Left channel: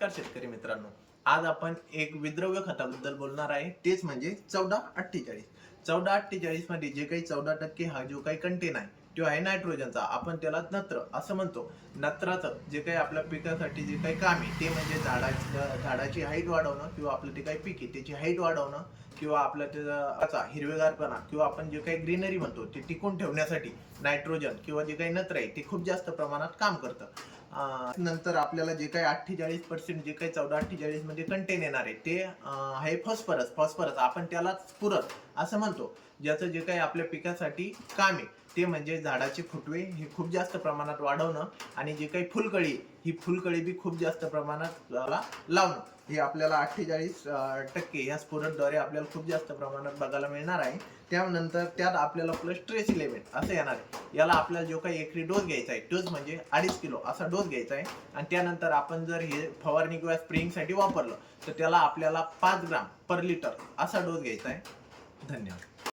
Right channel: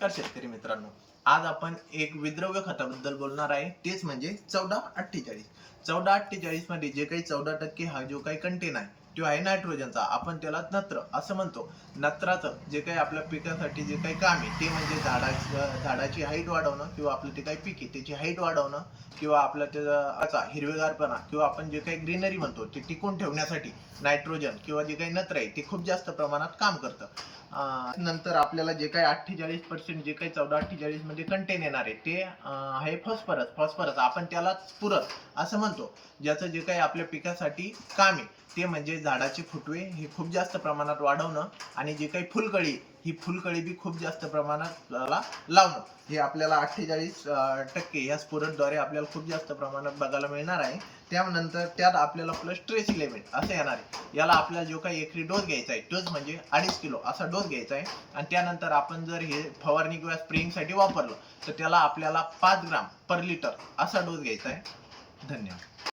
नमस्कार शेतकरी मित्रांनो, आज आपण एक विद्रव्य खताबद्दल बोलणार आहे. तेच म्हणजे 1448. 1448 मध्ये जे काही 14% हा जो काही कंटेन आहे तो आहे नायट्रोजनचा. आपण त्याला नत्र असं म्हणतो. नत्राचं जे काही आपल्या पिकासाठी जे काही काम आहे ते म्हणजे झाडाची हाईट वाढवणं किंवा आपलं ते काही पीक आहे त्याची हाईट वाढवणं किंवा आपलं त्याचा हिरवेगारपणा किंवा आपण जे काही ग्रीनरी म्हणतो ते टिकून ठेवण्यासाठी नायट्रोजन किंवा जे काही नत्र आहे ते खूप जास्त प्रमाणात काम करतं. नंतर आपल्याला जे काही 48% जे काही 1448 मध्ये कंटेन येणार आहे ते आहे फॉस्फरस आपण त्याला पूरक असं म्हणतो. ज्याचं जे काही आपल्या पिकासाठी काम आहे ते म्हणजे झाडाचे फुटवे हे खूप जास्त प्रमाणात वाढवणं आणि जे काही फुलकळी ही फुलकळी बी खूप जास्त प्रमाणात लावणं. हे आपल्याला 48% या स्फुरदद्वारे आपल्याला खूप जास्त प्रमाणात बघायला मिळणार आहे. त्यानंतर त्यात आपल्याला प्लस ट्रेस इलेमेंट असं येणार आहे. याला आपल्याला जो काही एकरी डोस घ्यायचा आहे डोस म्हणजे 2.5 किलो असा डोस घ्यायचा आहे. आणि त्यानंतर आपण जर हे फवारणी किंवा स्प्रेइंगसाठी वापरलं तर त्याला आपल्याला 5 ग्राम पर लिटर असा डोस घ्यायचा आहे. धन्यवाद.